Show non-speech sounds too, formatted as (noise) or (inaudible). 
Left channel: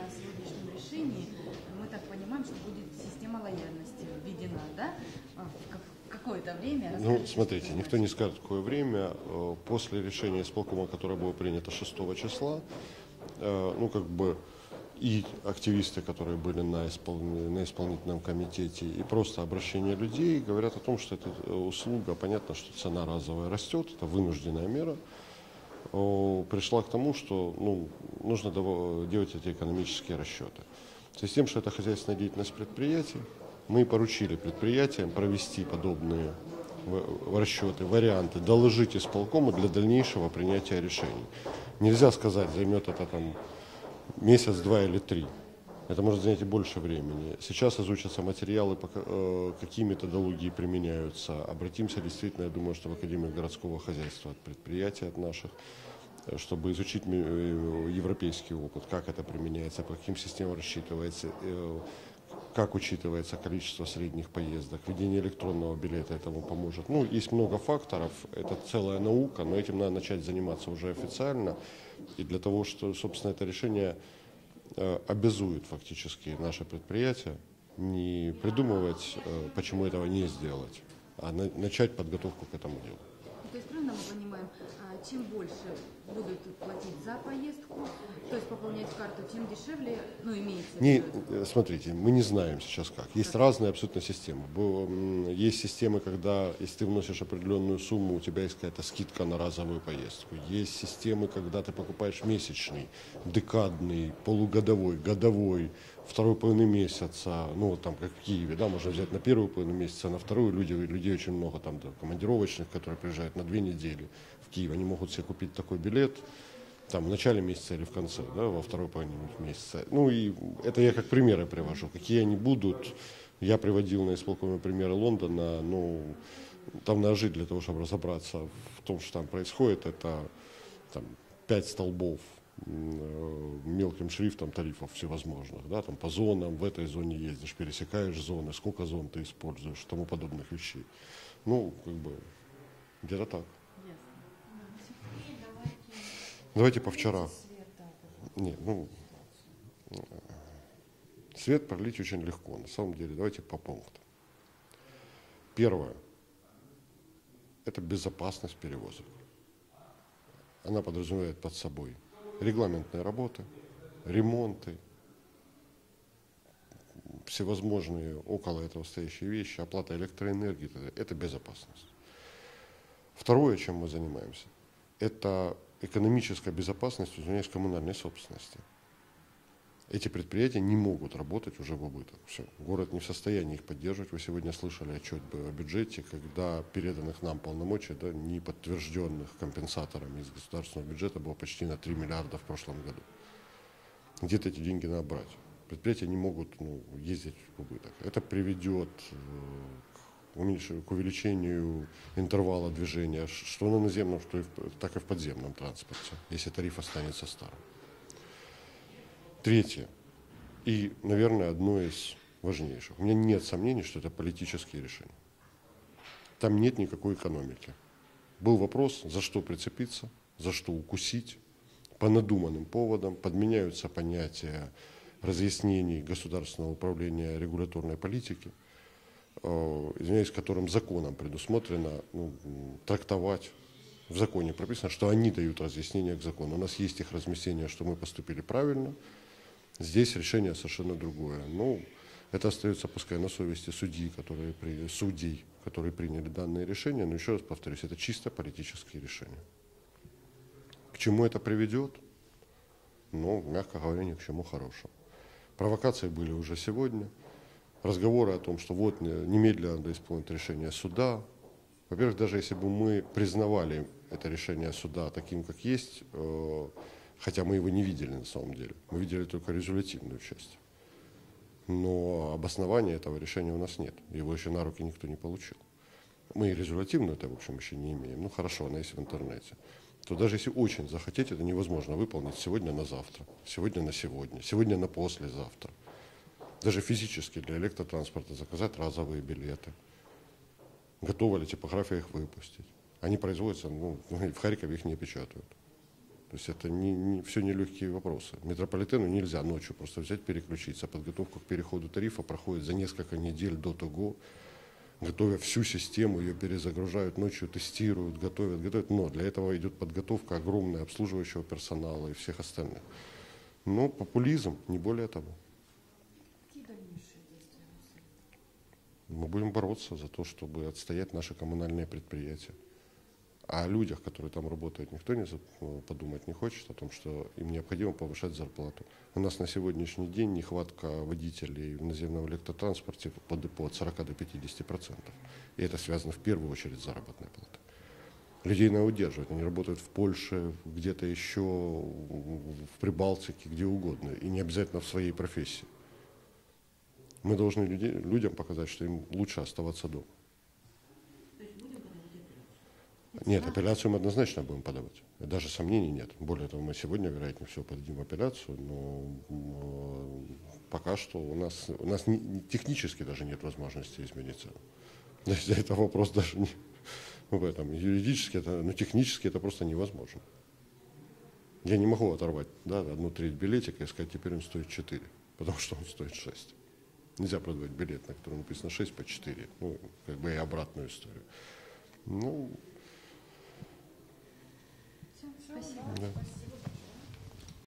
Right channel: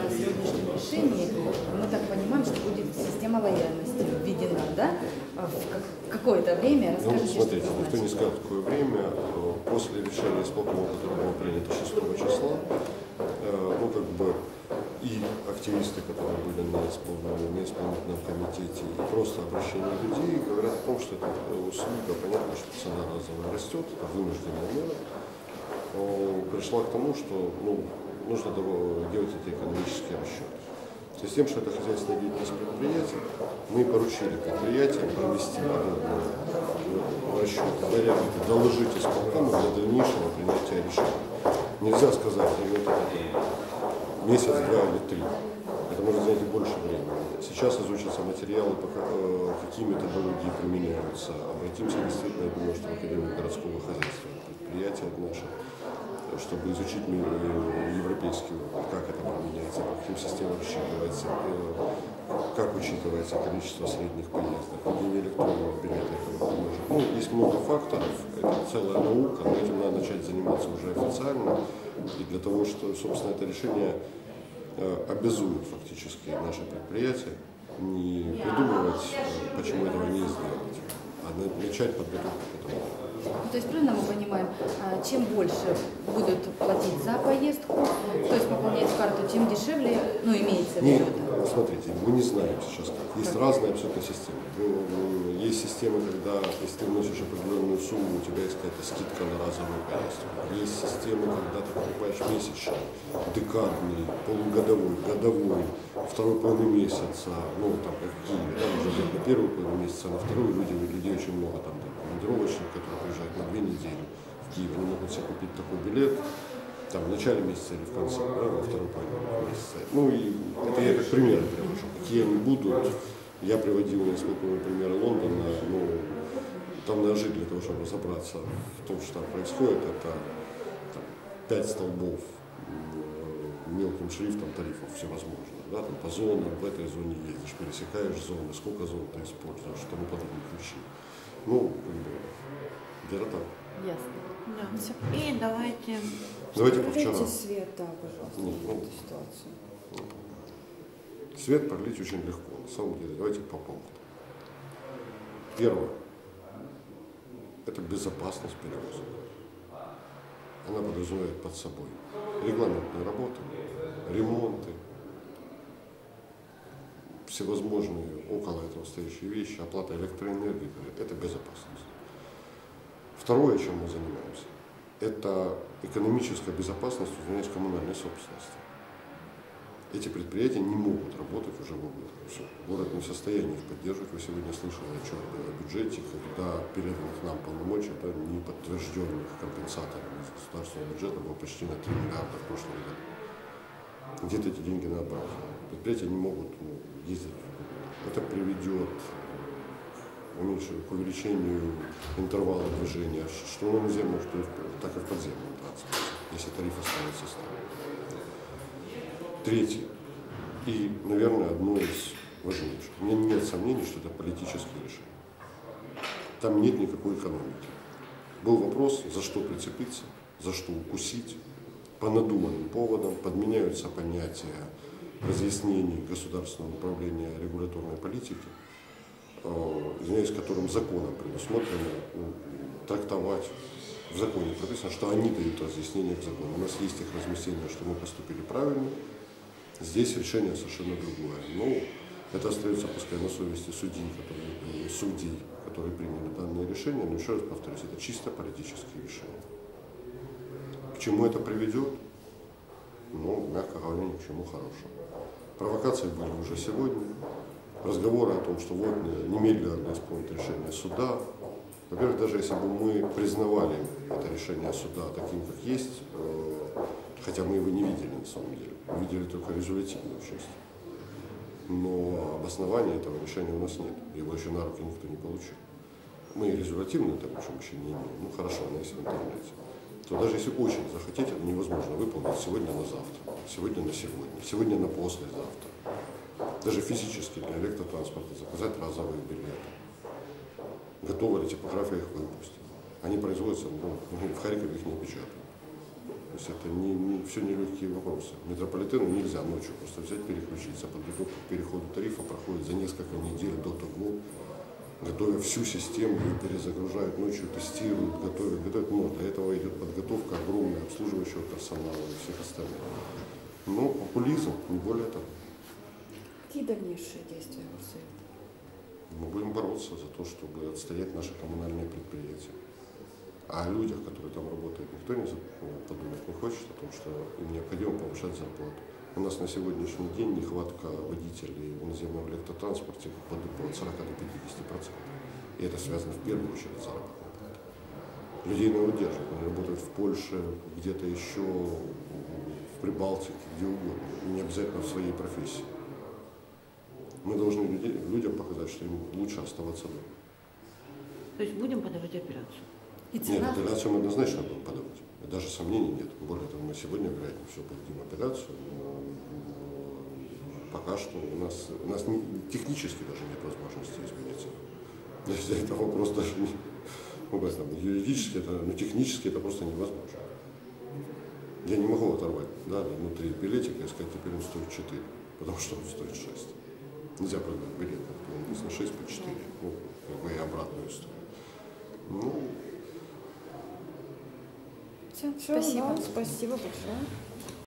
о сегодняшнем решении. Мы так понимаем, что будет система лояльности введена, да? В как- какое-то время. Ну, Расскажите, смотрите, что никто не скажет, какое время. Э, После решения исполкома, которое было принято 6 числа, э, ну, как бы и активисты, которые были на, испол- на исполнительном комитете, и просто обращение людей говорят о том, что это э, услуга, понятно, что цена разовая растет, это вынужденная мера, пришла к тому, что ну, нужно делать эти экономические расчеты. В связи с тем, что это хозяйственная деятельность предприятия, мы поручили предприятиям провести подобные э, расчеты, варианты, доложить исполкому для дальнейшего принятия решения. Нельзя сказать, займет это месяц, два или три. Это может занять и больше времени. Сейчас изучатся материалы, э, какие методологии применяются. Обратимся действительно, я думаю, что в Академию городского хозяйства, предприятия наши, э, чтобы изучить европейский опыт, как это применяется, по каким системам рассчитывается, э, как учитывается количество средних поездок, введение электронного билета тому подобное. Ну, есть много факторов, это целая наука, но этим надо начать заниматься уже официально. И для того, что, собственно, это решение э, обязует фактически наше предприятие не придумывать, э, почему этого не сделать, а на- начать подготовку к этому делу. То есть правильно мы понимаем, а, чем больше будут платить за поездку, то есть пополнять карту, тем дешевле, ну, имеется в Не, виду это. смотрите, мы не знаем сейчас как. Есть разные абсолютно системы. Есть системы, когда если ты вносишь определенную сумму, у тебя есть какая-то скидка на разовую поездку. Есть системы, когда ты покупаешь месячный, декадный, полугодовой, годовой, второй половины месяца, ну там как в Киеве, да, взять на первую половину месяца, на вторую люди, людей очень много там, там командировочных, которые приезжают на две недели в Киев, они могут себе купить такой билет, там, в начале месяца или в конце, да, во второй половине месяца. Ну и это я как примеры привожу. Какие они будут, я приводил на исполкомые примеры Лондона, ну, там надо жить для того, чтобы разобраться в том, что там происходит. Это там, пять столбов м, мелким шрифтом тарифов всевозможных. Да, там по зонам, в этой зоне ездишь, пересекаешь зоны, сколько зон ты используешь, и тому подобных вещей. Ну, как бы, где-то так. Ясно. Да. И давайте Давайте по вчера. Свет, да, пожалуйста, на ну, ситуацию. Свет пролить очень легко, на самом деле. Давайте по пунктам. Первое. Это безопасность перевозок. Она подразумевает под собой регламентные работы, ремонты, всевозможные около этого стоящие вещи, оплата электроэнергии. Это безопасность. Второе, чем мы занимаемся, это экономическая безопасность, извиняюсь, коммунальной собственности. Эти предприятия не могут работать уже в убыток. Все. Город не в состоянии их поддерживать. Вы сегодня слышали отчет о бюджете, когда переданных нам полномочий, да, не подтвержденных компенсаторами из государственного бюджета было почти на 3 миллиарда в прошлом году. Где-то эти деньги надо брать. Предприятия не могут ну, ездить в убыток. Это приведет к увеличению интервала движения, что на наземном, что и в- так и в подземном транспорте, если тариф останется старым. Третье. И, наверное, одно из важнейших. У меня нет сомнений, что это политические решения. Там нет никакой экономики. Был вопрос, за что прицепиться, за что укусить. По надуманным поводам подменяются понятия разъяснений государственного управления регуляторной политики, э, извиняюсь, которым законом предусмотрено ну, трактовать в законе прописано, что они дают разъяснения к закону. У нас есть их разъяснение, что мы поступили правильно. Здесь решение совершенно другое. Но это остается, пускай, на совести судей, которые, приняли- судей, которые приняли данное решение. Но еще раз повторюсь, это чисто политические решения. К чему это приведет? Ну, мягко говоря, ни к чему хорошему. Провокации были уже сегодня. Разговоры о том, что вот э, немедленно надо исполнить решение суда. Во-первых, даже если бы мы признавали это решение суда таким, как есть, э, хотя мы его не видели на самом деле, мы видели только резолютивную часть. Но обоснования этого решения у нас нет. Его еще на руки никто не получил. Мы и резолютивную это, в общем, еще не имеем. Ну хорошо, она есть в интернете. То даже если очень захотеть, это невозможно выполнить сегодня на завтра, сегодня на сегодня, сегодня на послезавтра. Даже физически для электротранспорта заказать разовые билеты. Готова ли типография их выпустить? Они производятся, ну, в Харькове их не печатают. То есть это не, не, все нелегкие вопросы. Метрополитену нельзя ночью просто взять, переключиться. Подготовка к переходу тарифа проходит за несколько недель до того, готовя всю систему, ее перезагружают ночью, тестируют, готовят, готовят. Но для этого идет подготовка огромная обслуживающего персонала и всех остальных. Но популизм, не более того. Какие дальнейшие действия Урсуль? Мы будем бороться за то, чтобы отстоять наши коммунальные предприятия. А о людях, которые там работают, никто не за- подумать не хочет о том, что им необходимо повышать зарплату. У нас на сегодняшний день нехватка водителей в наземном электротранспорте под, от 40 до 50 процентов. И это связано в первую очередь с заработной платой. Людей надо удерживать. Они работают в Польше, где-то еще, в Прибалтике, где угодно. И не обязательно в своей профессии. Мы должны людей- людям показать, что им лучше оставаться дома. То есть будем подавать апелляцию. И Нет, апелляцию мы однозначно будем подавать. Даже сомнений нет. Более того, мы сегодня, вероятно, все подадим апелляцию, но, пока что у нас, у нас не- технически даже нет возможности измениться. (laughs) То есть это вопрос даже не... Ну, как там, юридически, это, ну, технически это просто невозможно. Я не могу оторвать да, внутри билетика и сказать, теперь он стоит 4, потому что он стоит 6. Нельзя продавать билет, на котором написано 6 по 4. Ну, как бы и обратную историю. Ну, Всё, Спасибо. да, спасибо большое.